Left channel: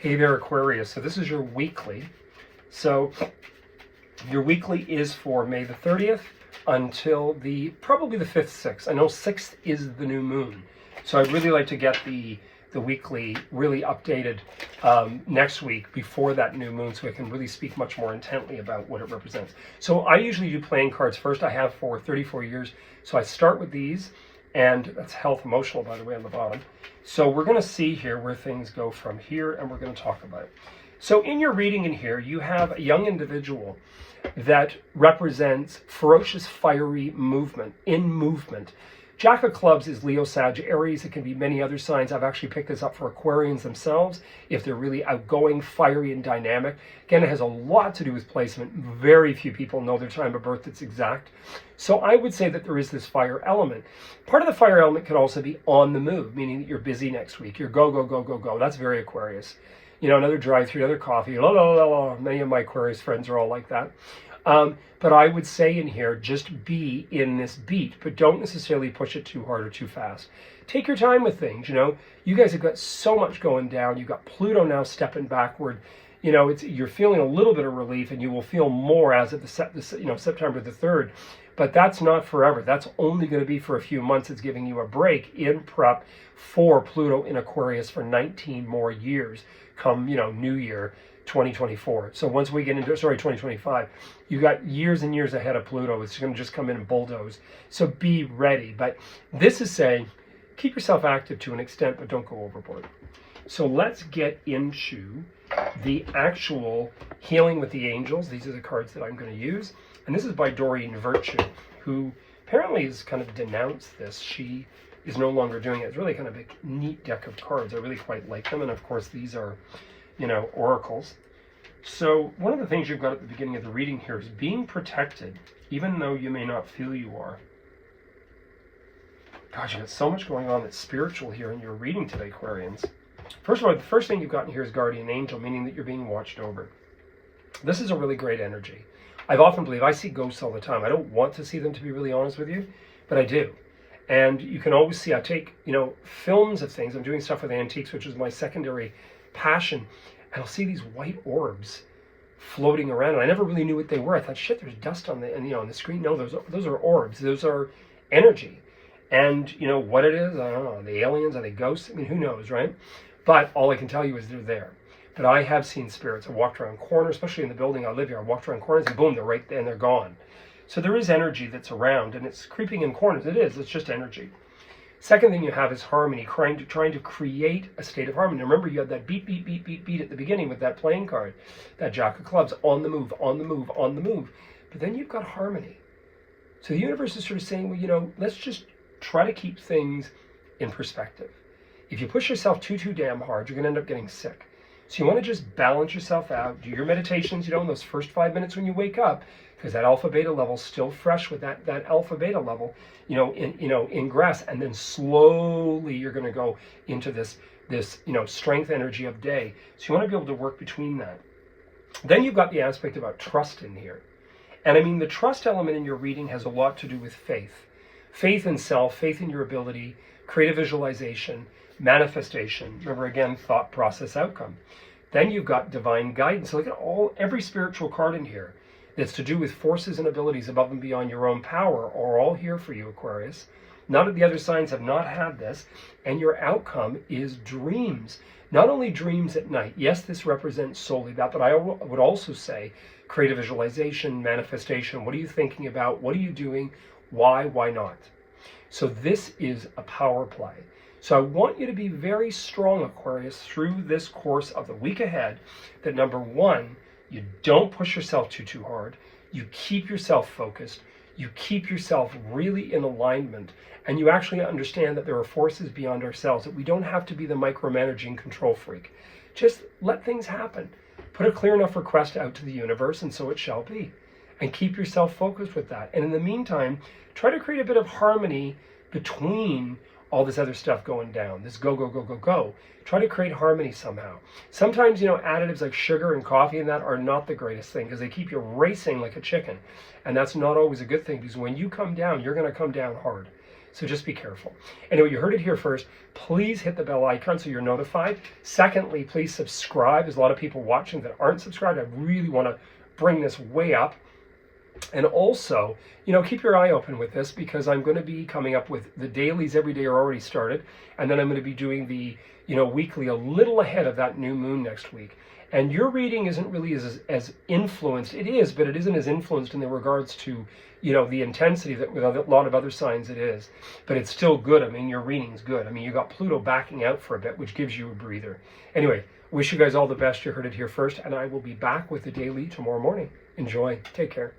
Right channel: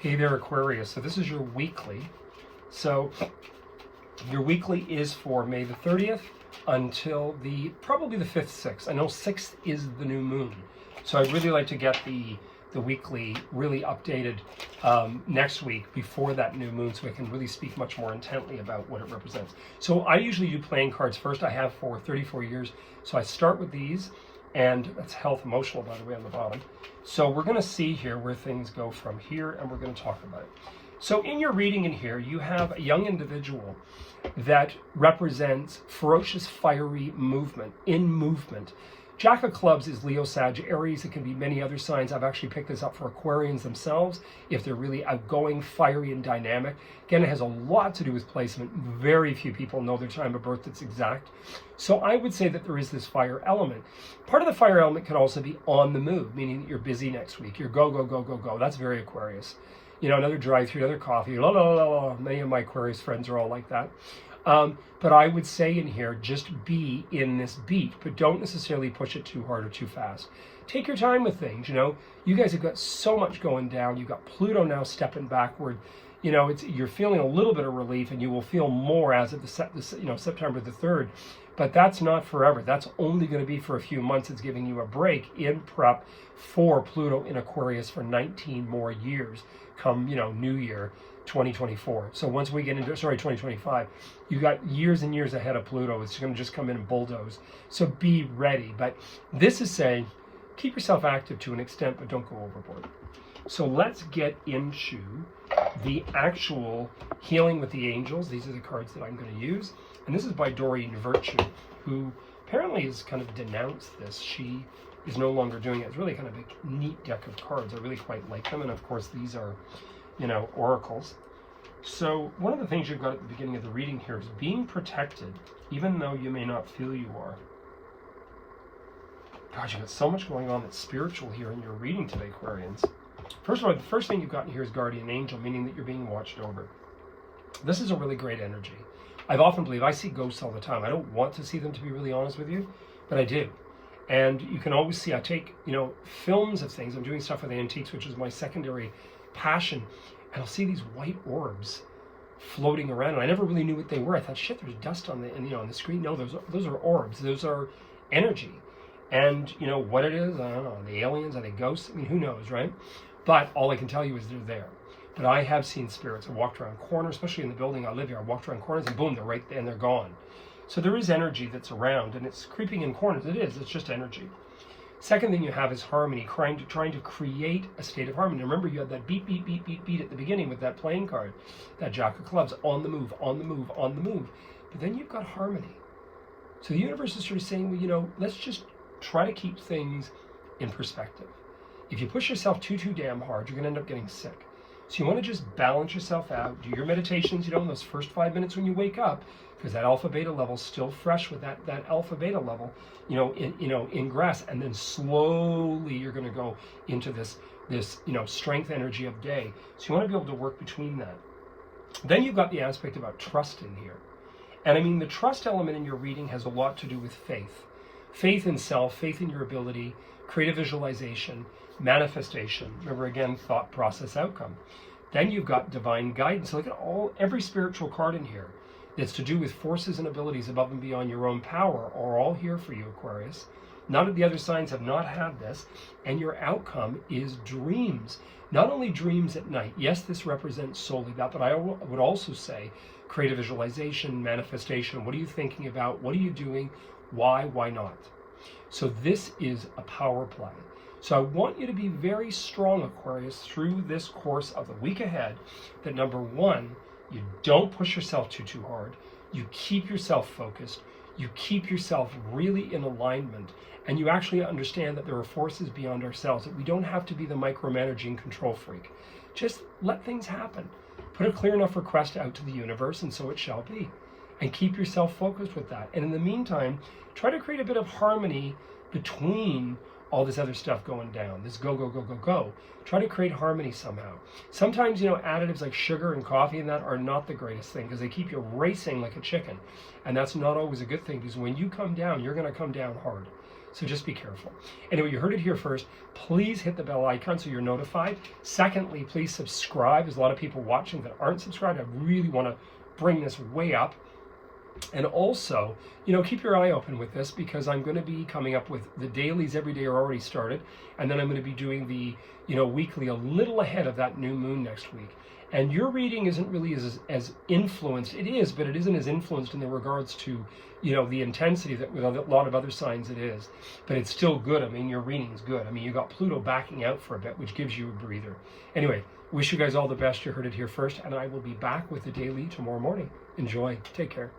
Hey there, Aquarius. So this is your weekly. So your weekly is for May the 30th until probably the 5th, 6th. I know 6th is the new moon. So I'd really like to get the weekly really updated next week before that new moon, so I can really speak much more intently about what it represents. So I usually do playing cards first. I have for 34 years. So I start with these, and that's health emotional, by the way, on the bottom. So we're going to see here where things go from here, and we're going to talk about it. So in your reading in here, you have a young individual that represents ferocious, fiery movement, in movement. Jack of Clubs is Leo, Sag, Aries. It can be many other signs. I've actually picked this up for Aquarians themselves, if they're really outgoing, fiery, and dynamic. Again, it has a lot to do with placement. Very few people know their time of birth that's exact. So I would say that there is this fire element. Part of the fire element could also be on the move, meaning that you're busy next week. You're go, go, go, go, go. That's very Aquarius. You know, another drive-through, another coffee. La, la, la, la. Many of my Aquarius friends are all like that. But I would say in here, just be in this beat, but don't necessarily push it too hard or too fast. Take your time with things, you know. You guys have got so much going down. You've got Pluto now stepping backward. You know, you're feeling a little bit of relief, and you will feel more as of September the 3rd. But that's not forever. That's only going to be for a few months. It's giving you a break in prep for Pluto in Aquarius for 19 more years come, New Year 2024. So once we get into, 2025, you got years and years ahead of Pluto. It's going to just come in and bulldoze. So be ready. But this is saying, keep yourself active to an extent, but don't go overboard. So let's get into the actual healing with the angels. These are the cards that I'm going to use. And this is by Doreen Virtue, who apparently has kind of denounced this. She is no longer doing it. It's really kind of a neat deck of cards. I really quite like them. And of course, these are, oracles. So one of the things you've got at the beginning of the reading here is being protected, even though you may not feel you are. Gosh, you've got so much going on that's spiritual here in your reading today, Aquarians. First of all, the first thing you've got in here is guardian angel, meaning that you're being watched over. This is a really great energy. I've often believed, I see ghosts all the time. I don't want to see them, to be really honest with you, but I do. And you can always see, I take, films of things. I'm doing stuff with antiques, which is my secondary passion. And I'll see these white orbs floating around. And I never really knew what they were. I thought, shit, there's dust on on the screen. No, those are orbs. Those are energy. And what it is, I don't know. Are they aliens? Are they ghosts? I mean, who knows, right? But all I can tell you is they're there. But I have seen spirits. I walked around corners, especially in the building I live here. I walked around corners and boom, they're right there and they're gone. So there is energy that's around, and it's creeping in corners. It is. It's just energy. Second thing you have is harmony, trying to create a state of harmony. Remember, you had that beat, beat, beat, beat, beat at the beginning with that playing card, that Jack of Clubs, on the move, on the move, on the move. But then you've got harmony. So the universe is sort of saying, well, let's just try to keep things in perspective. If you push yourself too damn hard, you're going to end up getting sick. So you want to just balance yourself out, do your meditations, in those first 5 minutes when you wake up, because that alpha beta level is still fresh with that alpha beta level, ingress, and then slowly you're going to go into this strength energy of day. So you want to be able to work between that. Then you've got the aspect about trust in here. And I mean, the trust element in your reading has a lot to do with faith. Faith in self, faith in your ability, creative visualization, manifestation. Remember, again, thought, process, outcome. Then you've got divine guidance. So look at every spiritual card in here that's to do with forces and abilities above and beyond your own power are all here for you, Aquarius. None of the other signs have not had this, and your outcome is dreams. Not only dreams at night. Yes, this represents solely that, but I would also say creative visualization, manifestation. What are you thinking about? What are you doing? Why not? So this is a power play. So I want you to be very strong, Aquarius, through this course of the week ahead, that number one, you don't push yourself too hard. You keep yourself focused. You keep yourself really in alignment. And you actually understand that there are forces beyond ourselves, that we don't have to be the micromanaging control freak. Just let things happen. Put a clear enough request out to the universe, and so it shall be. And keep yourself focused with that. And in the meantime, try to create a bit of harmony between all this other stuff going down, this go, go, go, go, go. Try to create harmony somehow. Sometimes, additives like sugar and coffee and that are not the greatest thing, because they keep you racing like a chicken. And that's not always a good thing, because when you come down, you're going to come down hard. So just be careful. Anyway, you heard it here first. Please hit the bell icon so you're notified. Secondly, please subscribe. There's a lot of people watching that aren't subscribed. I really want to bring this way up. And also, keep your eye open with this, because I'm going to be coming up with the dailies every day are already started. And then I'm going to be doing the, weekly a little ahead of that new moon next week. And your reading isn't really as influenced. It is, but it isn't as influenced in the regards to, the intensity that with a lot of other signs it is. But it's still good. I mean, your reading's good. I mean, you got Pluto backing out for a bit, which gives you a breather. Anyway, wish you guys all the best. You heard it here first. And I will be back with the daily tomorrow morning. Enjoy. Take care.